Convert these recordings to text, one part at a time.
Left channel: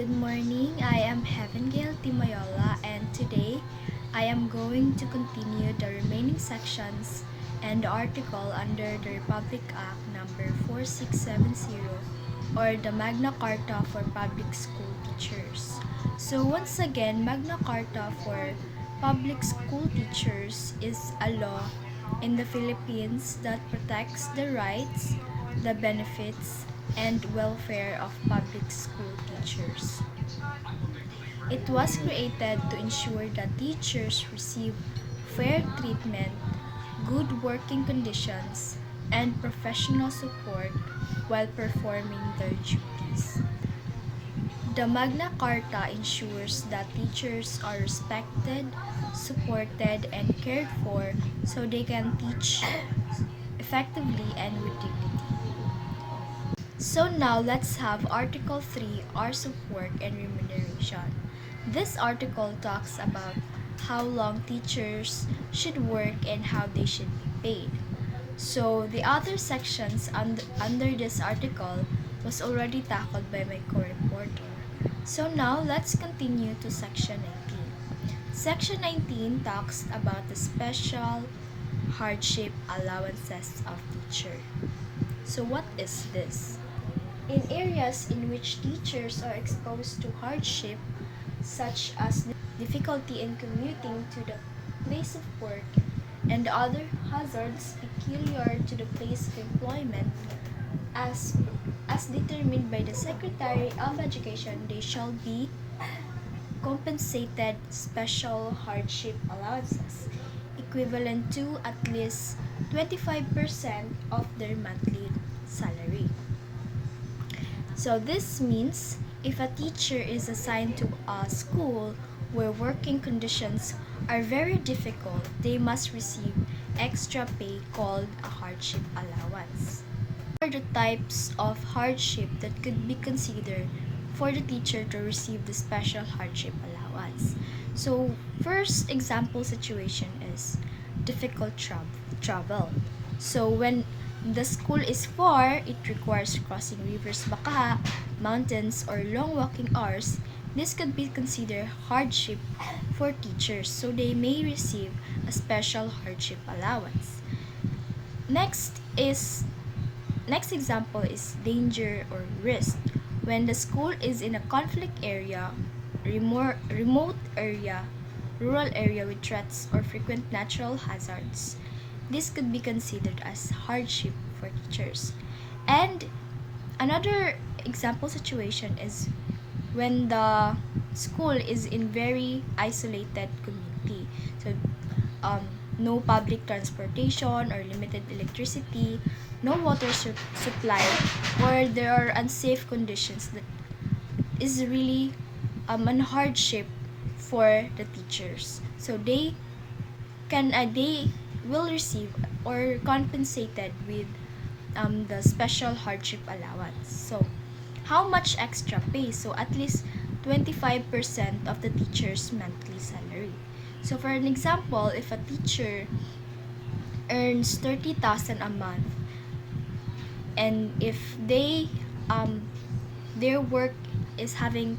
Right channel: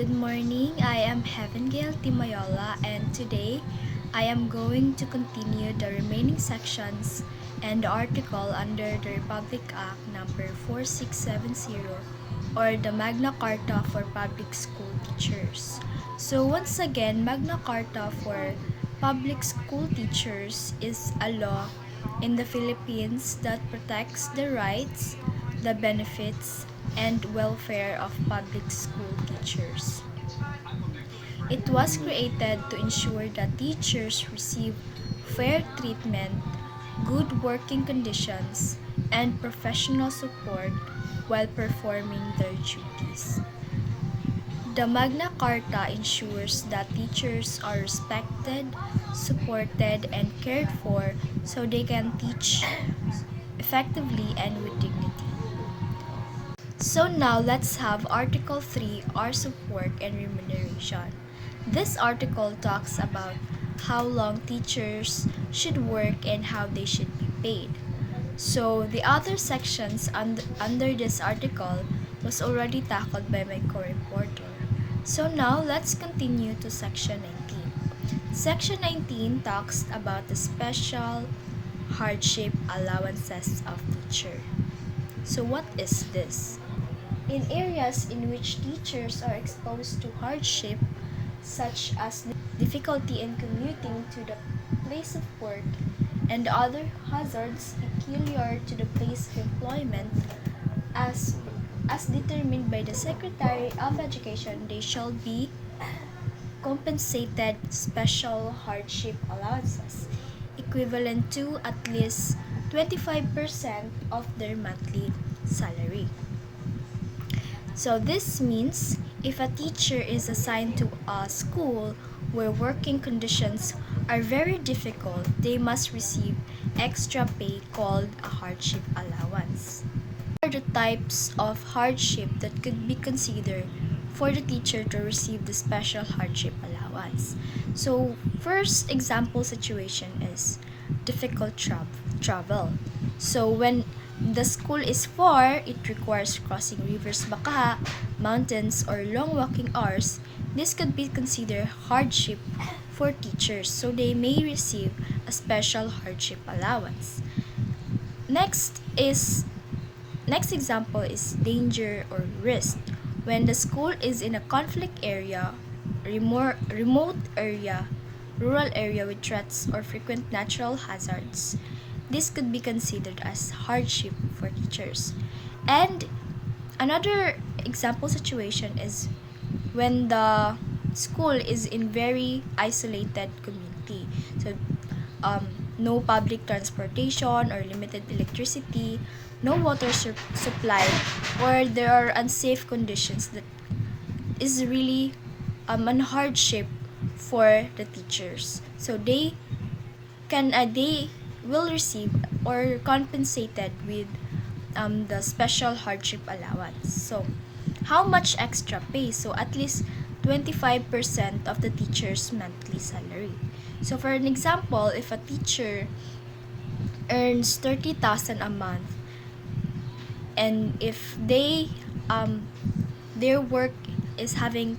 Good morning, I am Heavengale Timoyola, and today I am going to continue the remaining sections and the article under the Republic Act number 4670, or the Magna Carta for Public School Teachers. So once again, Magna Carta for Public School Teachers is a law in the Philippines that protects the rights, the benefits, and welfare of public school teachers. It was created to ensure that teachers receive fair treatment, good working conditions, and professional support while performing their duties. The Magna Carta ensures that teachers are respected, supported, and cared for so they can teach effectively and with dignity. So now let's have Article 3, hours of work and remuneration. This article talks about how long teachers should work and how they should be paid. So the other sections under this article was already tackled by my co-reporter. So now let's continue to section 19. Section 19 talks about the special hardship allowances of teacher. So what is this? In areas in which teachers are exposed to hardship, such as difficulty in commuting to the place of work and other hazards peculiar to the place of employment, as determined by the Secretary of Education, they shall be compensated special hardship allowances, equivalent to at least 25% of their monthly salary. So this means if a teacher is assigned to a school where working conditions are very difficult, they must receive extra pay called a hardship allowance. What are the types of hardship that could be considered for the teacher to receive the special hardship allowance? So first example situation is difficult travel. So when the school is far, it requires crossing rivers Bakaha, mountains, or long walking hours. This could be considered hardship for teachers, so they may receive a special hardship allowance. Next example is danger or risk. When the school is in a conflict area, remote area, rural area with threats or frequent natural hazards, this could be considered as hardship for teachers. And another example situation is when the school is in very isolated community. So no public transportation or limited electricity, no water supply, or there are unsafe conditions that is really an hardship for the teachers. So they will receive or compensated with the special hardship allowance. So how much extra pay? So at least 25% of the teacher's monthly salary. So for an example, if a teacher earns 30,000 a month, and if their work is having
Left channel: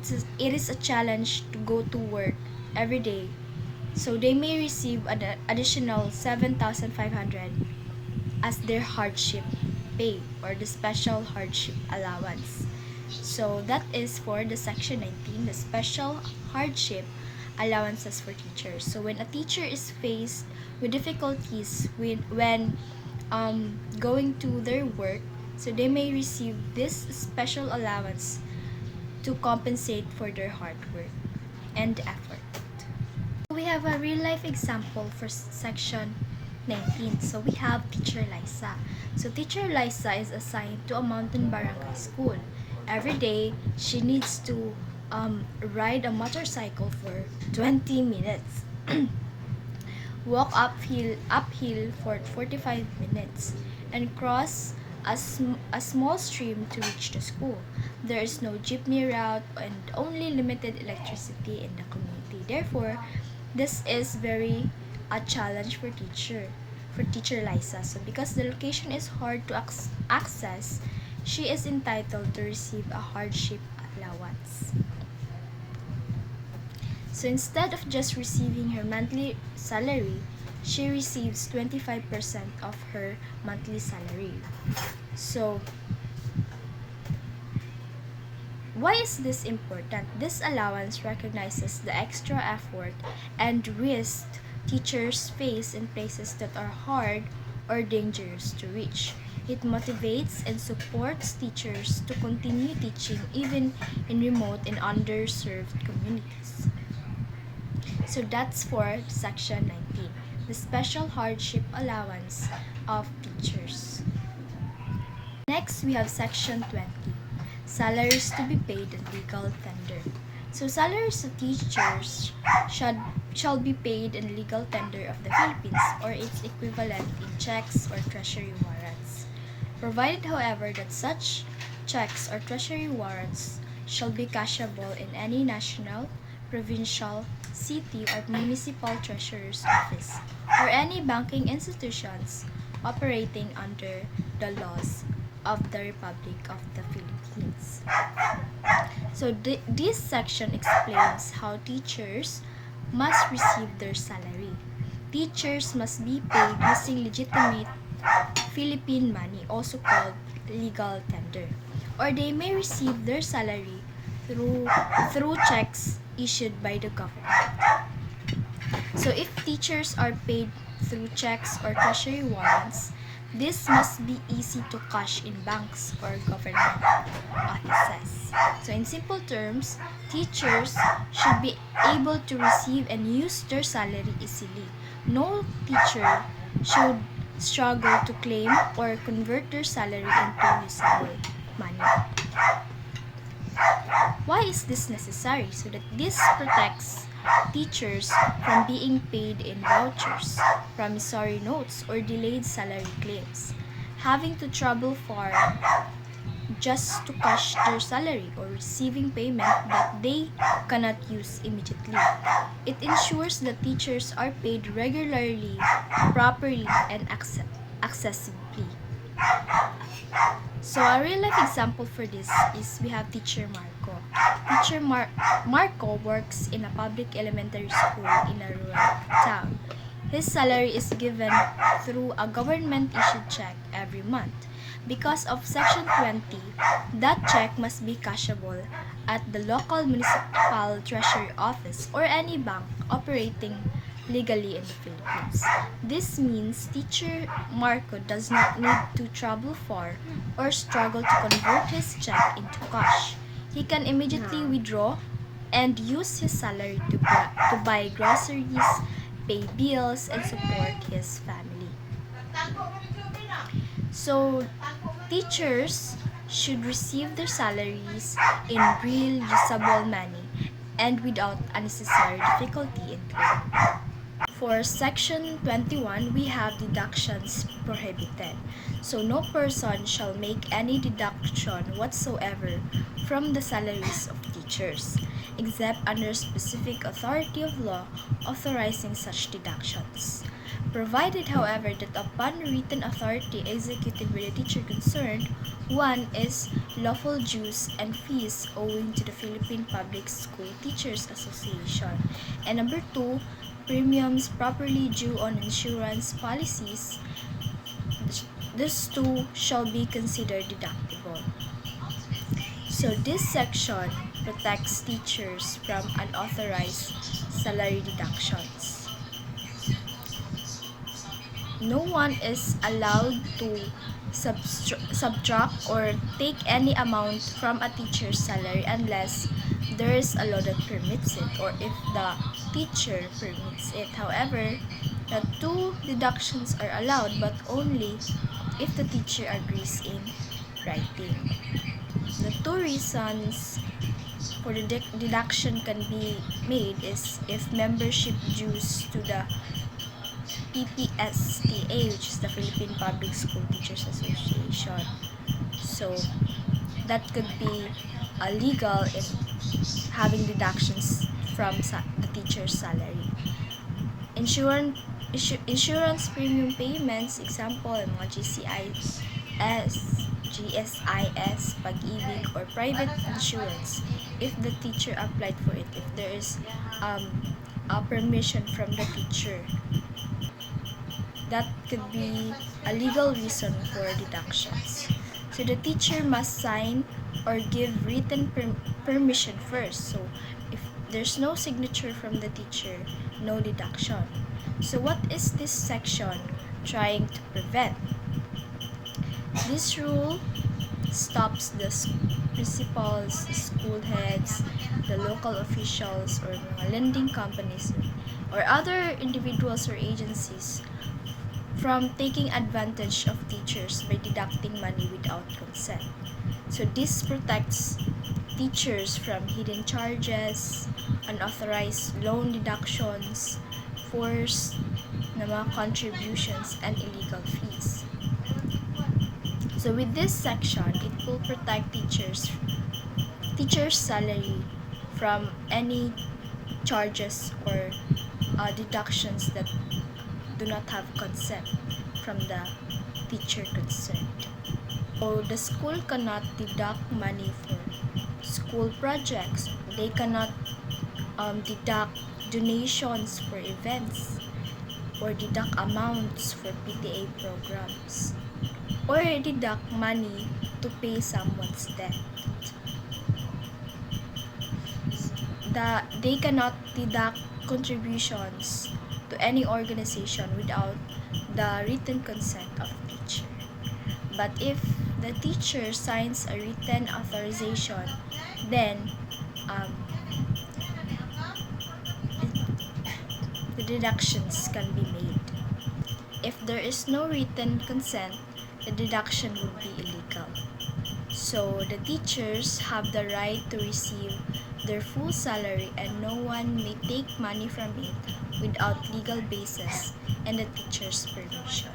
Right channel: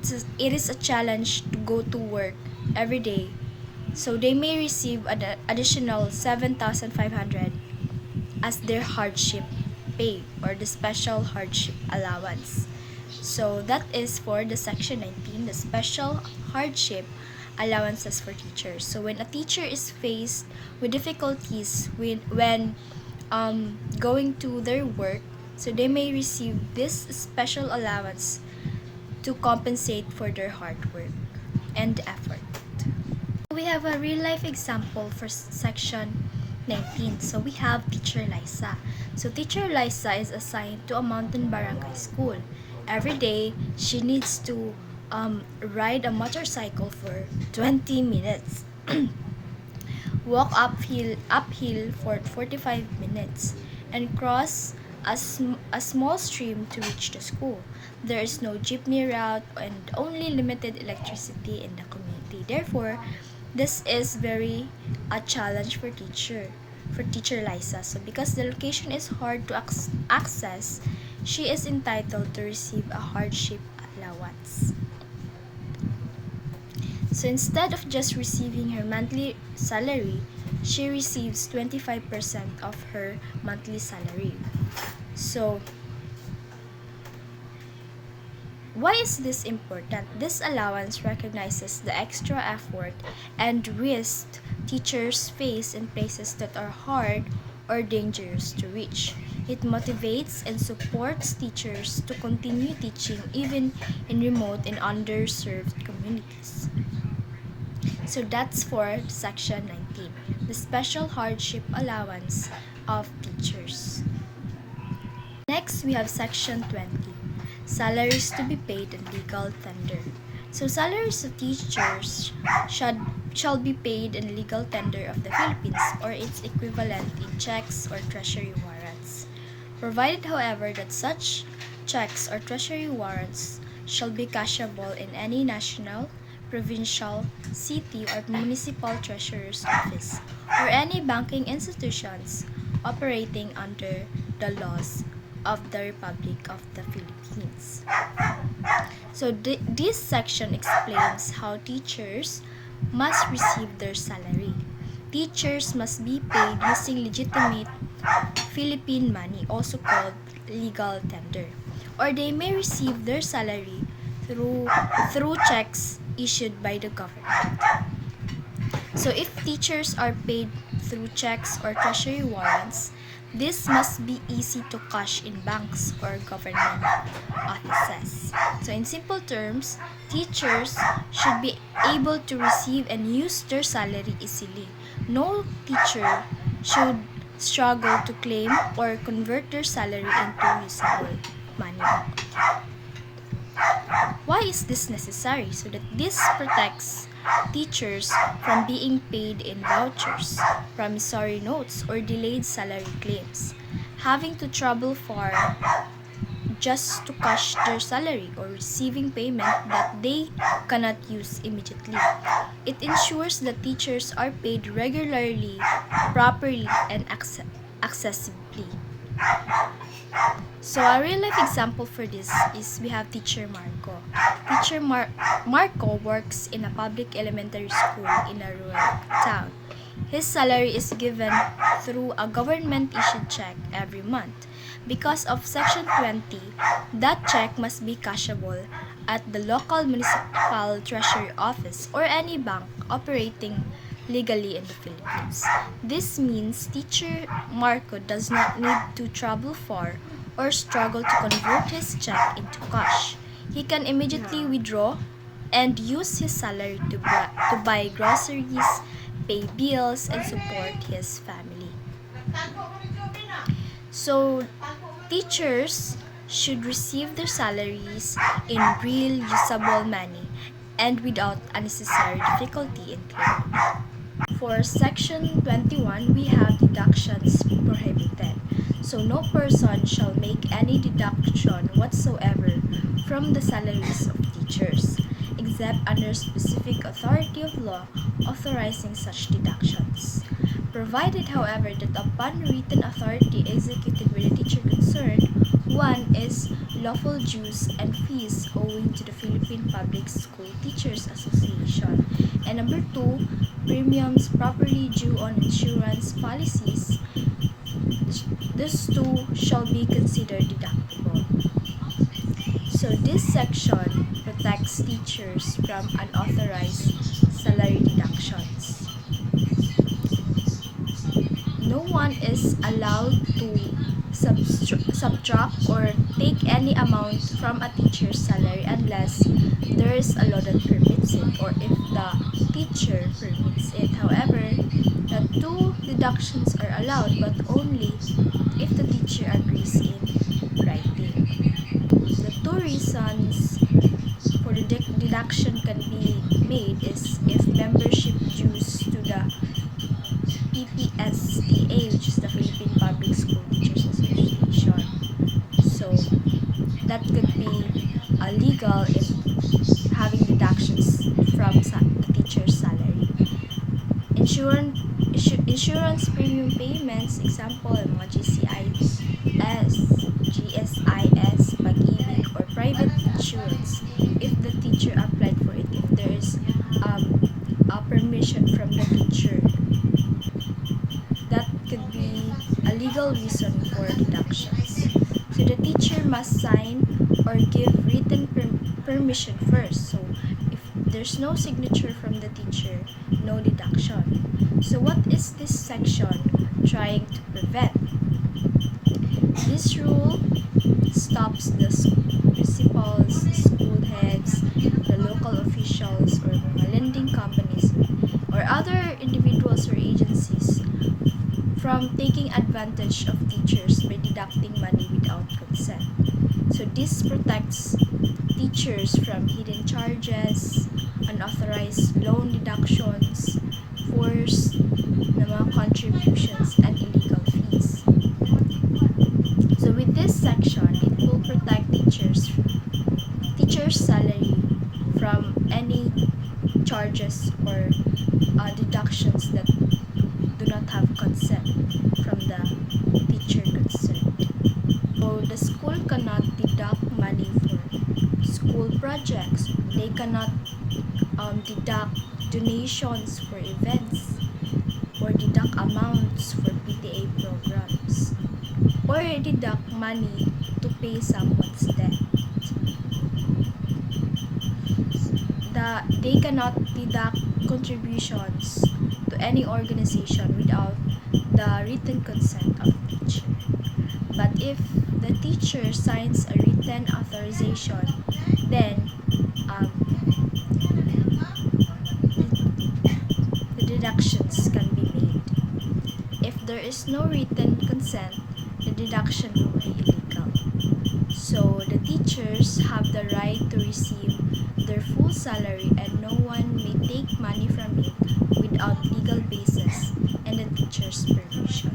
it is a challenge to go to work every day, so they may receive an additional 7,500 as their hardship pay or the special hardship allowance. So that is for the section 19, the special hardship allowances for teachers. So when a teacher is faced with difficulties when going to their work, so they may receive this special allowance to compensate for their hard work and effort. We have a real life example for section 19. So we have teacher Liza. So teacher Liza is assigned to a mountain barangay school. Every day, she needs to ride a motorcycle for 20 minutes, walk uphill for 45 minutes, and cross a small stream to reach the school. There is no jeepney route and only limited electricity in the community. Therefore, this is very a challenge for teacher Liza. So because the location is hard to access, she is entitled to receive a hardship allowance. So instead of just receiving her monthly salary, she receives 25% of her monthly salary. So, why is this important? This allowance recognizes the extra effort and risk teachers face in places that are hard or dangerous to reach. It motivates and supports teachers to continue teaching even in remote and underserved communities. So that's for section 19, the special hardship allowance of teachers. Next, we have section 20, salaries to be paid and legal tender. So salaries of teachers shall be paid in legal tender of the Philippines or its equivalent in checks or treasury warrants. Provided, however, that such checks or treasury warrants shall be cashable in any national, provincial, city, or municipal treasurer's office, or any banking institutions operating under the laws of the Republic of the Philippines. So this section explains how teachers must receive their salary. Teachers must be paid using legitimate Philippine money, also called legal tender, or they may receive their salary through checks issued by the government. So if teachers are paid through checks or treasury warrants, this must be easy to cash in banks or government offices. So in simple terms, teachers should be able to receive and use their salary easily. No teacher should struggle to claim or convert their salary into usable money. Why is this necessary? So that this protects teachers from being paid in vouchers, promissory notes, or delayed salary claims, having to travel far just to cash their salary, or receiving payment that they cannot use immediately. It ensures that teachers are paid regularly, properly, and accessibly. So a real life example for this is we have teacher Marco. Teacher Marco works in a public elementary school in a rural town. His salary is given through a government-issued check every month. Because of Section 20, that check must be cashable at the local municipal treasury office or any bank operating legally in the Philippines. This means teacher Marco does not need to travel far or struggle to convert his check into cash. He can immediately withdraw and use his salary to buy groceries, pay bills, and support his family. So, teachers should receive their salaries in real usable money and without unnecessary difficulty in claiming. For Section 21, we have deductions prohibited. So no person shall make any deduction whatsoever from the salaries of teachers, except under specific authority of law authorizing such deductions. Provided, however, that upon written authority executed by the teacher concerned, one is lawful dues and fees owing to the Philippine Public School Teachers Association, and number 2, premiums properly due on insurance policies. This too shall be considered deductible. So this section protects teachers from unauthorized salary deductions. No one is allowed to subtract or take any amount from a teacher's salary unless there is a law that permits it or if the teacher permits it. However, the two deductions are allowed but only if the teacher agrees in writing. The two reasons for the deduction can be made is if membership dues to the PPSTA, which is the Philippine Public School Teachers Association. So, that could be illegal in having deductions from the teacher's salary. Insurance premium payments, example, mga GCIS, SSIS, Pag-ibig, or private insurance if the teacher applied for it, if there is a permission from the teacher. That could be a legal reason for deductions. So the teacher must sign or give written permission first. So if there's no signature from the teacher, no deduction. So what is this section trying to prevent? This rule stops the principals, school heads, the local officials, or mga lending companies, or other individuals or agencies from taking advantage of teachers by deducting money without consent. So this protects teachers from hidden charges, unauthorized loan deductions, forced na mga contributions, and illegal fees. So with this section, it will protect teachers' salary from any charges or deductions that do not have consent from the teacher concerned. So the school cannot deduct money for school projects. They cannot deduct donations for events, or deduct amounts for PTA programs, or deduct money to pay someone's debt. They cannot deduct contributions to any organization without the written consent of the teacher. But if the teacher signs a written authorization, then the deductions can be made. If there is no written consent, the deduction will be illegal. So the teachers have the right to receive their full salary, and no one may take money from it without legal basis and the teacher's permission.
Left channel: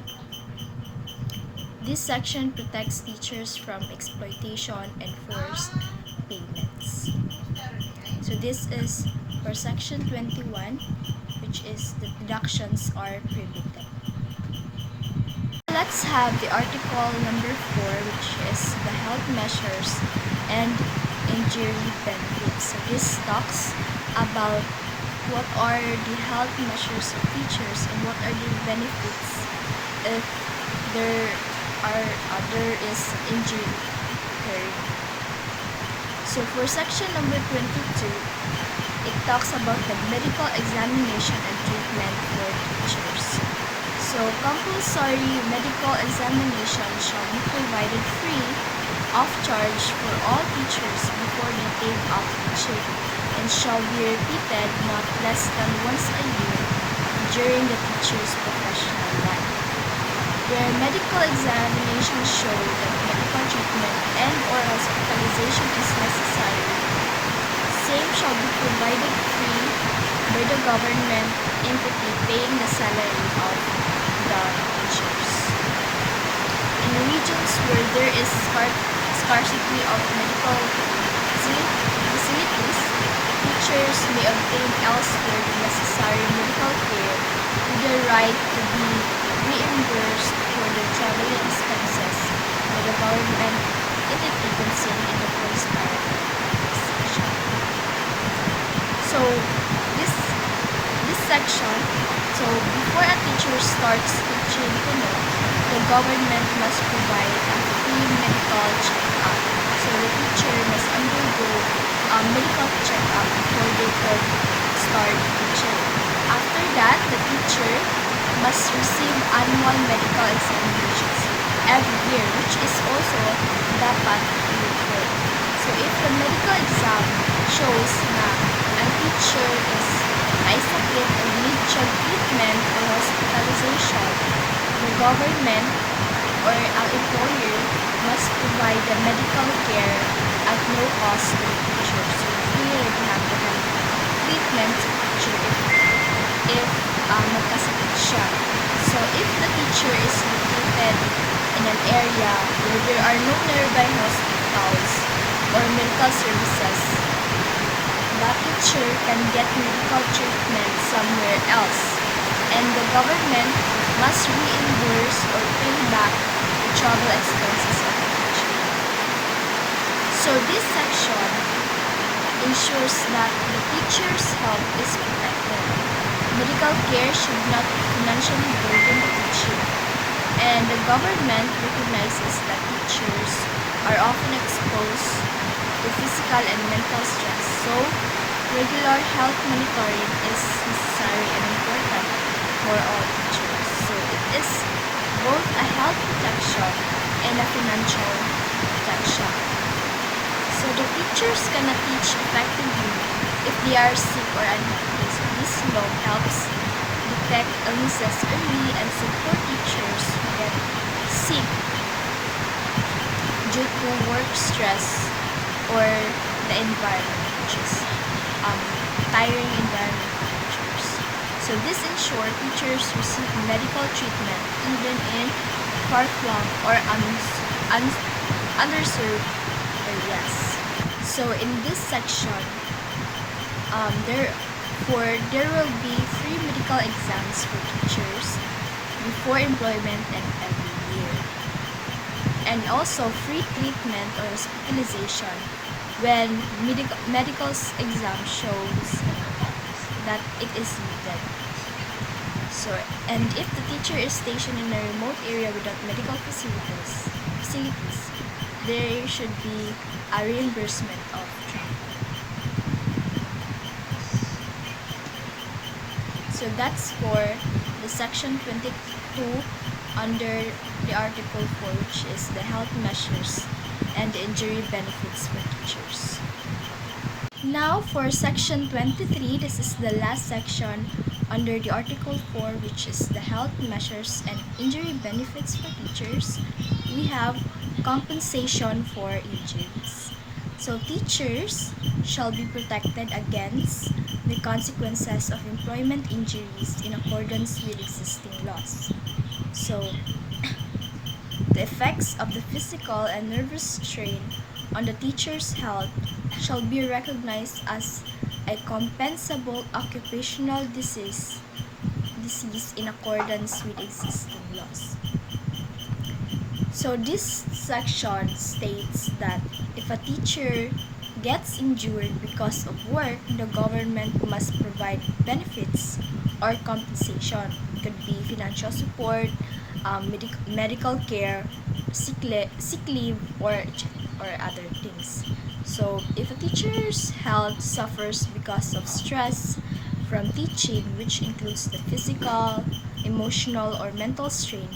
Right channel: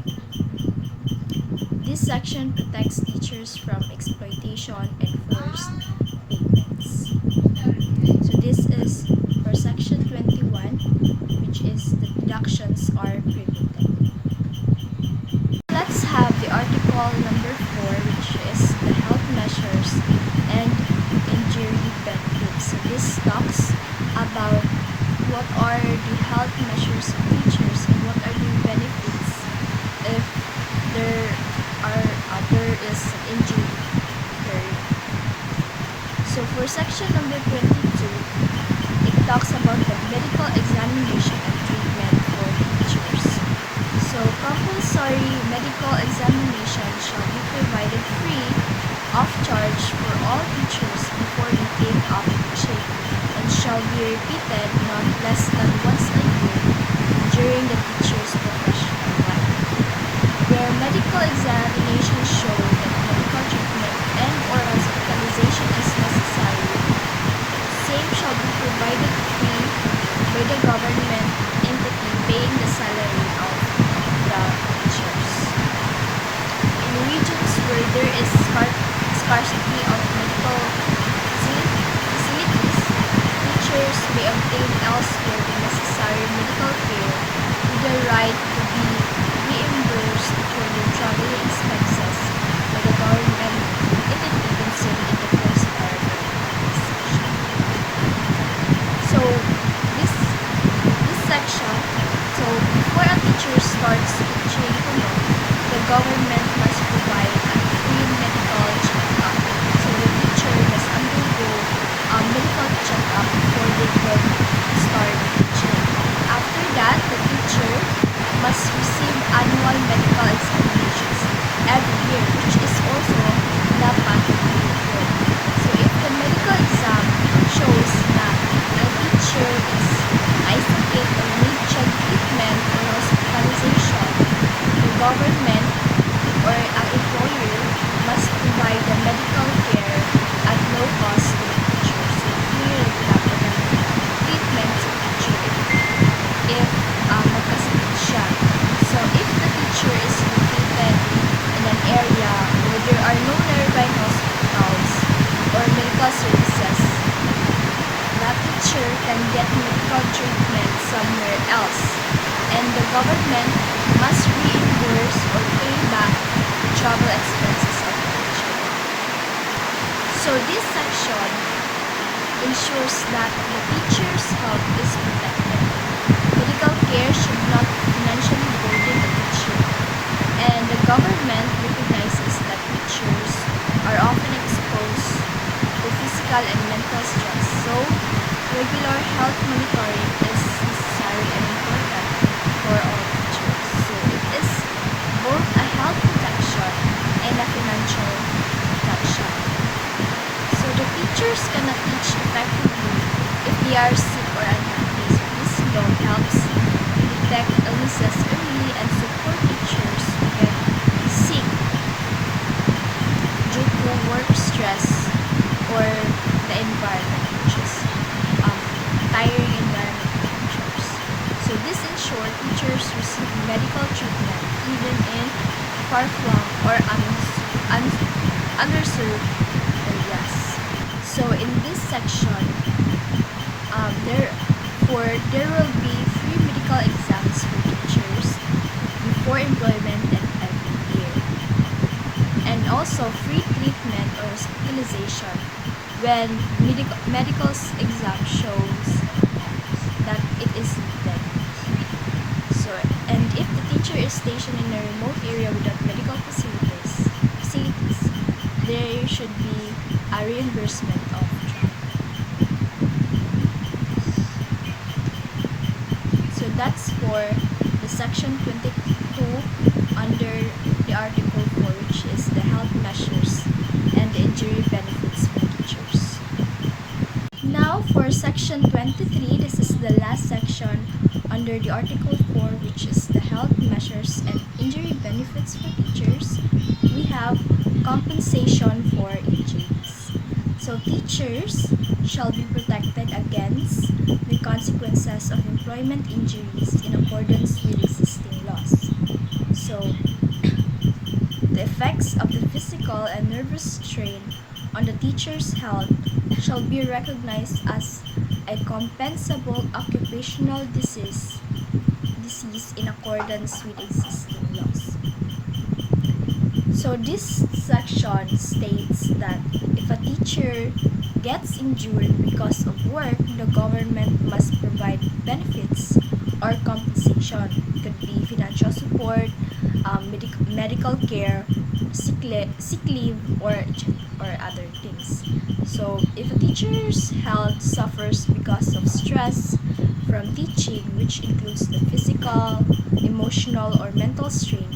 This section protects teachers from exploitation and forced payments. So this is for section 21, which is the deductions are prohibited. Let's have the article number 4, which is the health measures and injury benefits. So this talks about what are the health measures of teachers and what are the benefits if there is an injury occurring. So for section number 22, it talks about the medical examination and treatment for teachers. So compulsory medical examination shall be provided free of charge for all teachers before they take up teaching, and shall be repeated not less than once a year during the teacher's professional life. Where medical examinations show that medical treatment and or hospitalization is necessary, same shall be provided free by the government entity paying the salary of the teachers. In regions where there is scarcity of medical facilities, teachers may obtain elsewhere the necessary medical care with the right to be reimbursed for their traveling expenses by the government entity considered in the first paragraph of this section. So this section, so before a teacher starts teaching Kuno, the government must provide a free medical checkup. So the teacher must undergo a medical checkup before they can start teaching. After that, the teacher must receive annual medical examinations every year, which is also dapat free. So if the medical exam shows na a teacher is may sakit or need treatment or hospitalization, the government or ang employer must provide the medical care at no cost to the teacher. So free reglado ng treatment sa teacher if magkasakit siya. So if the teacher is located in an area where there are no nearby hospitals or medical services, that teacher can get medical treatment somewhere else, and the government must reimburse or pay back the travel expenses of the teacher. So this section ensures that the teacher's health is protected. Medical care should not financially burden the teacher, and the government recognizes that teachers are often exposed to physical and mental stress. So regular health monitoring is necessary and important for all teachers. So it is both a health protection and a financial protection. So the teachers cannot teach effectively if they are sick or unhealthy. So this law helps detect illnesses early and support teachers who get sick due to work stress or the environment, which is tiring environment for teachers. So this ensures teachers receive medical treatment even in far-flung or underserved areas. So in this section, there will be free medical exams for teachers before employment and every year, and also free treatment or hospitalization when medical exam shows that it is needed. So, and if the teacher is stationed in a remote area without medical facilities, there should be a reimbursement of travel. So that's for the section 22 under the article 4, which is the health measures and the injury benefits for teachers. Now for section 23, this is the last section under the article 4, which is the health measures and injury benefits for teachers. We have compensation for injuries. So teachers shall be protected against the consequences of employment injuries in accordance with existing laws. So the effects of the physical and nervous strain on the teacher's health shall be recognized as a compensable occupational disease in accordance with existing laws. So this section states that if a teacher gets injured because of work, the government must provide benefits or compensation. It could be financial support, medical care, sick leave, or other things. So if a teacher's health suffers because of stress from teaching, which includes the physical, emotional, or mental strain,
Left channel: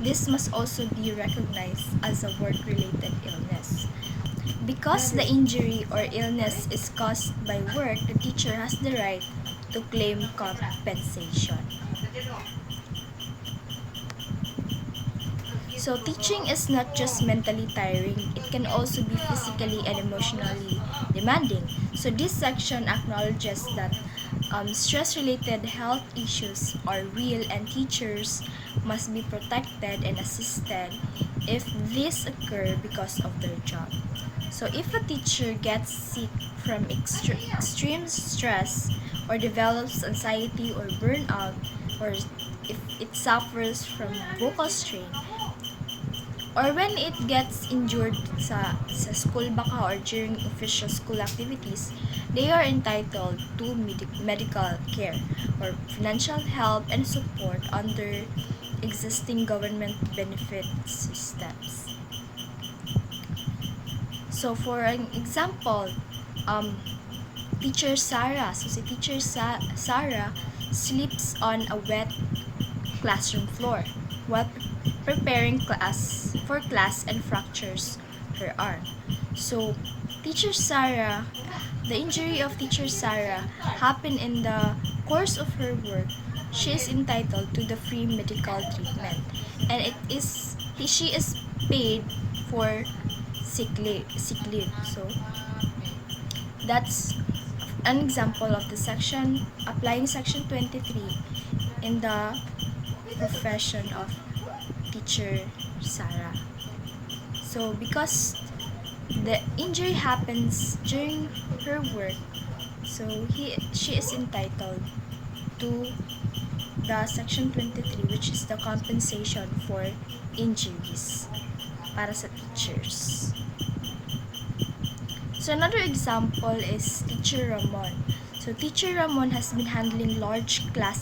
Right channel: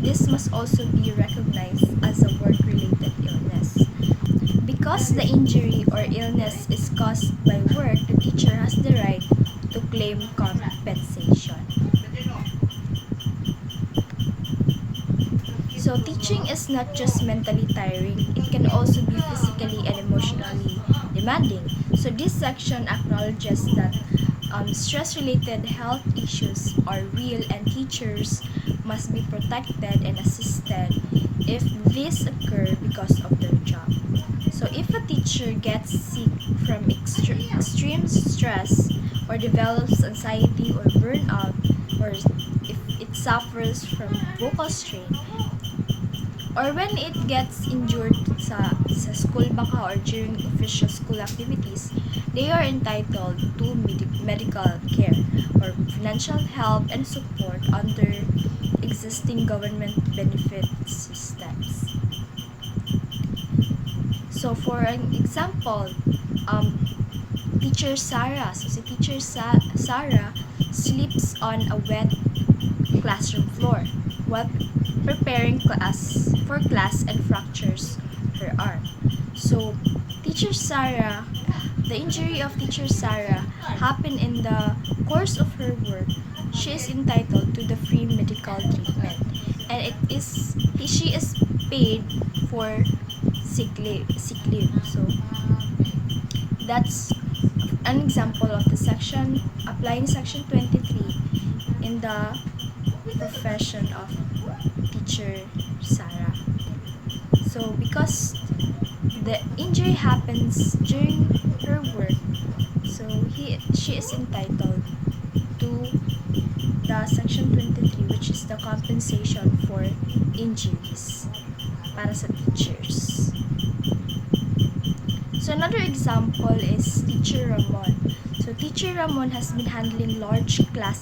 this must also be recognized as a work-related illness. Because the injury or illness is caused by work, the teacher has the right to claim compensation. So teaching is not just mentally tiring, it can also be physically and emotionally demanding. So this section acknowledges that stress-related health issues are real and teachers must be protected and assisted if this occur because of their job. So if a teacher gets sick from extreme stress or develops anxiety or burnout, or if it suffers from vocal strain, or when it gets injured sa school baka or during official school activities, they are entitled to medical care or financial help and support under existing government benefit systems. So for an example, Teacher Sarah, so si Teacher Sarah sleeps on a wet classroom floor while preparing for class and fractures her arm. So Teacher Sarah, the injury of Teacher Sarah happened in the course of her work. She is entitled to the free medical treatment, and she is paid for sick leave. So that's an example of the section applying section 23 in the profession of Teacher Sarah. So because the injury happens during her work, so she is entitled to the section 23, which is the compensation for injuries para sa teachers. So another example is Teacher Ramon. So Teacher Ramon has been handling large class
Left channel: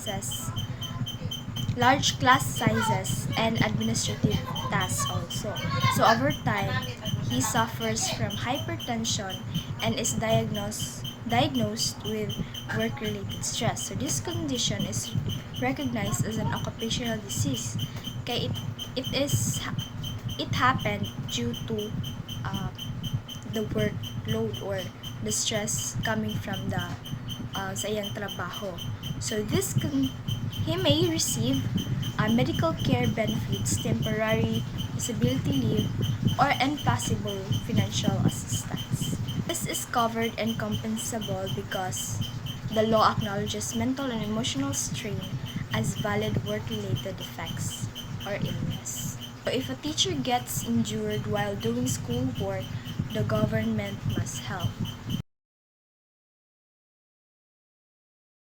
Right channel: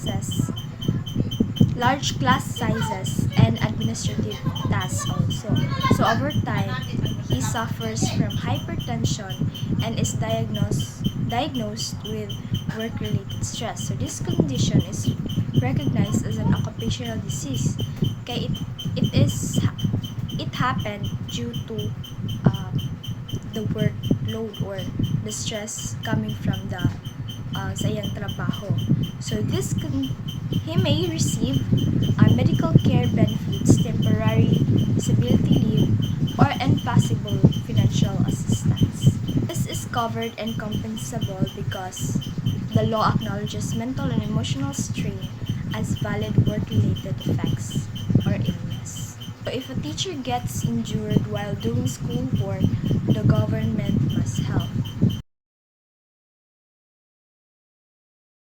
sizes and administrative tasks also. So over time, he suffers from hypertension and is diagnosed with work-related stress. So this condition is recognized as an occupational disease. Kaya it happened due to the workload or the stress coming from the sa iyang trabaho. So he may receive medical care benefits, temporary disability leave, or impossible financial assistance. This is covered and compensable because the law acknowledges mental and emotional strain as valid work-related effects or illness. So if a teacher gets injured while doing schoolwork, the government must help.